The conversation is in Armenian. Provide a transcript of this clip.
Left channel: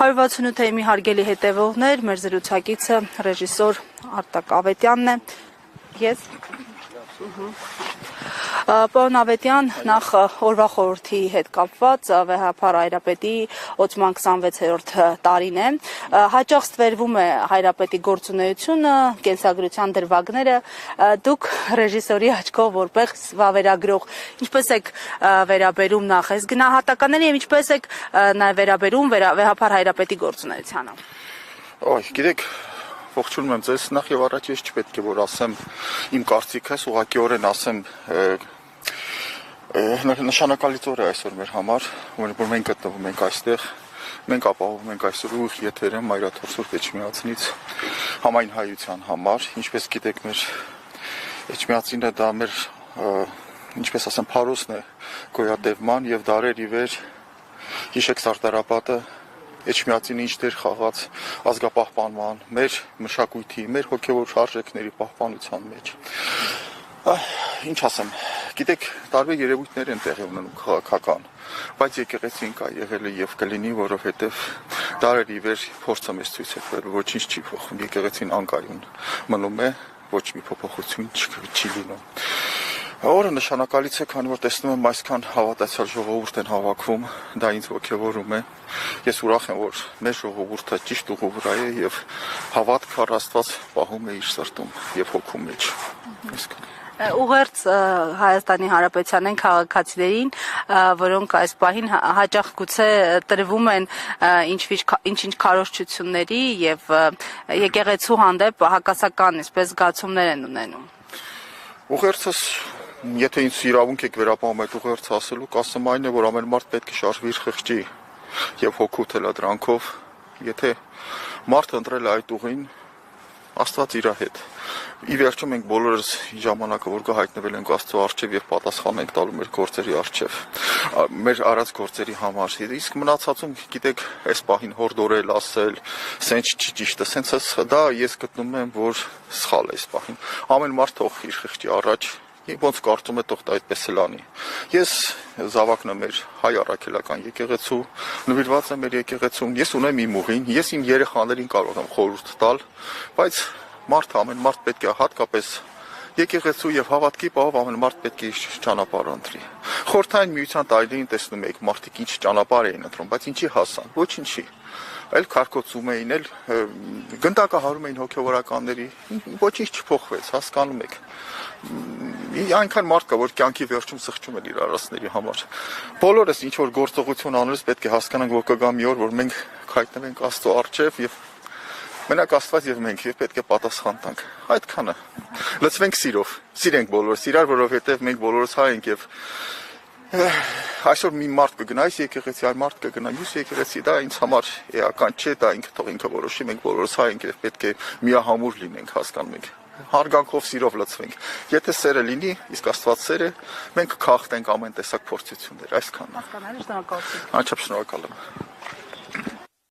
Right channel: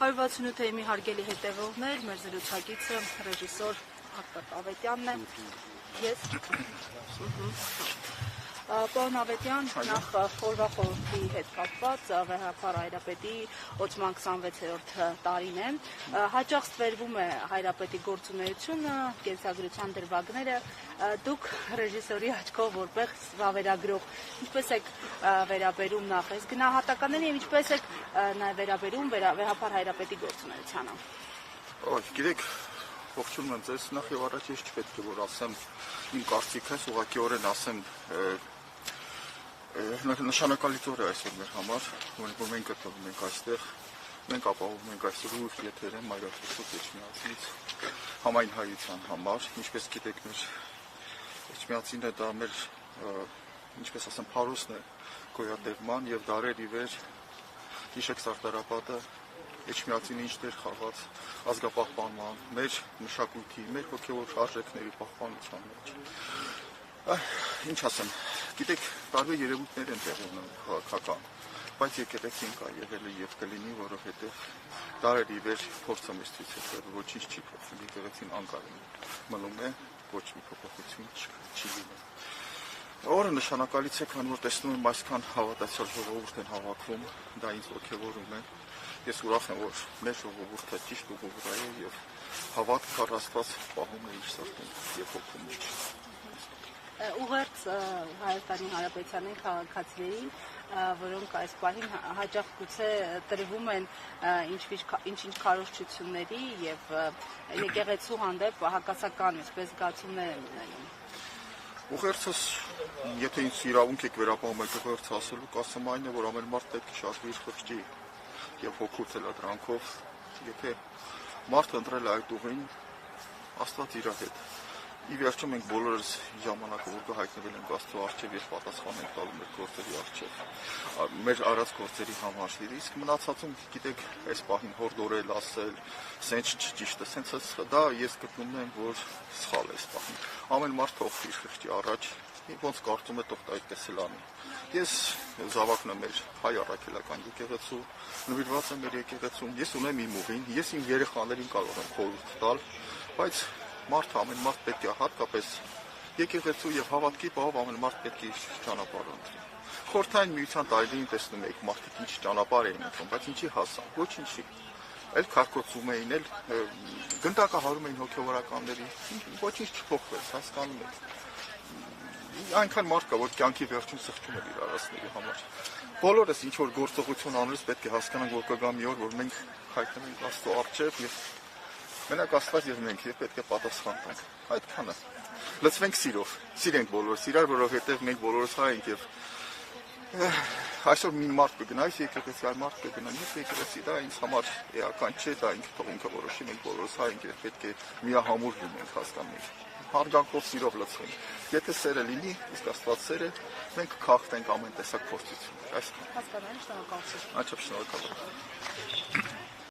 168 թեմի հարգելի հետևողներ, մեր զրուցակիցը ռեժիսոր Արտակ Ավետյանն է, ես Պարոն Ավետյան, նախ օրվա խորհրդի հետ կապված վեհապար Հայրապետի օծման 26-րդ տարին է, հաճախ ստվերվում է Հայրապետի գործունեությունը, կենսագրության դրվագները, դուք ռեժիսորի աչքով որպես վավերագրող, ինչպես եք վերաբերում նախ այս գնահատականներին և ինչպես եք նաև վերաբերում վեհապար Հայրապետի գործունեությանը։ Գիտեք, ողջունում եմ ձեզ, նախ և առաջ ես չպետք է որ ասեմ իմ կարծիքս, ուղղակիորեն ասեմ նշանակալից օր է այսօր մեր համար, որ մենք գտնվում ենք այստեղ, մենք ապահովում ենք այսօր ուղիղ եթերը Մայրաթոր Սուրբ Էջմիածնից համայն հայության համար, ինչպես գիտեք մեր Էջմիածինը դա մեր, ինչպես ասեմ, փարոսն է գոյատևման և դարեր ի վեր հիշեք Սարտարապատը Էջմիածինը ինչ դեր խաղաց ազգապահպանման, մեր մշակույթի, մեր հոգևոր արժեքների պահպանության մեջ։ Ինչ ասեմ, գիտեք, տարբեր երևույթներ են տեղի ունենում քաղաքական, բայց եկեղեցին կա եղել է և կլինի, որովհետև դարեր ի վեր փորձը մեզ ցույց է տվել, ոչինչ չի փոխվում, եկեղեցին անկայուն մնում է, ոչ մի փոփոխություն չի լինում։ Օրը նշանակալից է, քանի որ տեսնում եմ այսքան հավատացյալ ժողովուրդ են հավաքվում, դա ինձ ոգևորում է։ Ես ուրախ եմ, որ մեր ժողովուրդը ճիշտ ուղու վրա է և հավատք առ Աստված պահում է իր սրտում և հոգու մեջ։ Ուղերձ Հայաստանի Հանրապետության են քաղաքացիներին, որոնք այս պահին հաճախ գուցե տրվում են ինչ-ինչ քարոզչությունների և եկեղեցու հանդեպ հակասական այսպես զգացումներ են ունենում։ Ուղերձս, եթե ինձ իրավունք եք վերապահում այդ ուղերձը ասելու, կասեմ այն է, որ ամեն մարդ պետք է շարժվի իր խղճի և հոգու թելադրանքով, եթե մարդ ընտրել է այդ ուղին, Աստված իր հետ։ Ի վերջո մենք բոլորս ժամանակը, որ հայտնվել ենք Աստծո առջև և պատասխան ենք տալու մեր գործերի առջև, մեր արած գործերի համար։ Իսկ մնացածում, գիտեք, այս պահին հորդորել, ասել, սենց չի ճիշտը, սենց դա ես գտնում եմ, որ սխալ է այս պահին։ Ամեն մարդ թող իր խղճի առաջ ոնց կարծում է թող դա այդպես էլ անի։ Ես զավակն եմ մեր հայ առաքելական եկեղեցու, նվիրված եմ մեր եկեղեցուն, ես ունեմ իմ ուղին, ես իմ երեխաներին կարող եմ խորհուրդ տալ, բայց ամեն մարդ պետք է հատկապես եկեղեցու և հավատքի պահով ամեն մարդ պետք է իր ճանապարհը ընտրի։ Խորհրդային միության տարիներին տեսնում եք մարդիկ ինչ ճանապարհ էին ընտրում, բայց ինչի հասան, ոչինչի։ Այլ քարկոծում էին, այլ գնդակահարում էին հոգևորականների, ոչինչ չփոխվեց, հասկանում եք։ Այնքան մարդ կա, որ կյանքի վերջում սխճում է իր արածների համար։ Բոլորս ինչ որ գործողություն անելուց պետք է հասկանանք, որ կգա մի օր, որ մենք հայտնվենք Աստծո առջև և մենակ Աստված և մենք և պետք է պատասխան տանք։ Այդքանը։ Լցվենք սիրով, սիրենք բոլորս իրար, որովհետև մենք բոլորս հայ ենք և այսօր մի մարդ կգնա այս եկեղեցի, այլ մարդ կգնա մյուս եկեղեցի, դա ինձ համար էական չէ, դա թող ինքը որոշի, մենք բոլորս հայ ենք և պետք է միահամուռ լինենք, հասկանում եք։ Հարգանքով սիրով լցվենք։ Եթե սերը լինի, իսկ Աստված սեր է, մենք կքախտենք ամեն տեսակ փորձություններ, այսքանն է։ Հասկանալի, շնորհակալություն։ Անչափ շնորհակալ եմ։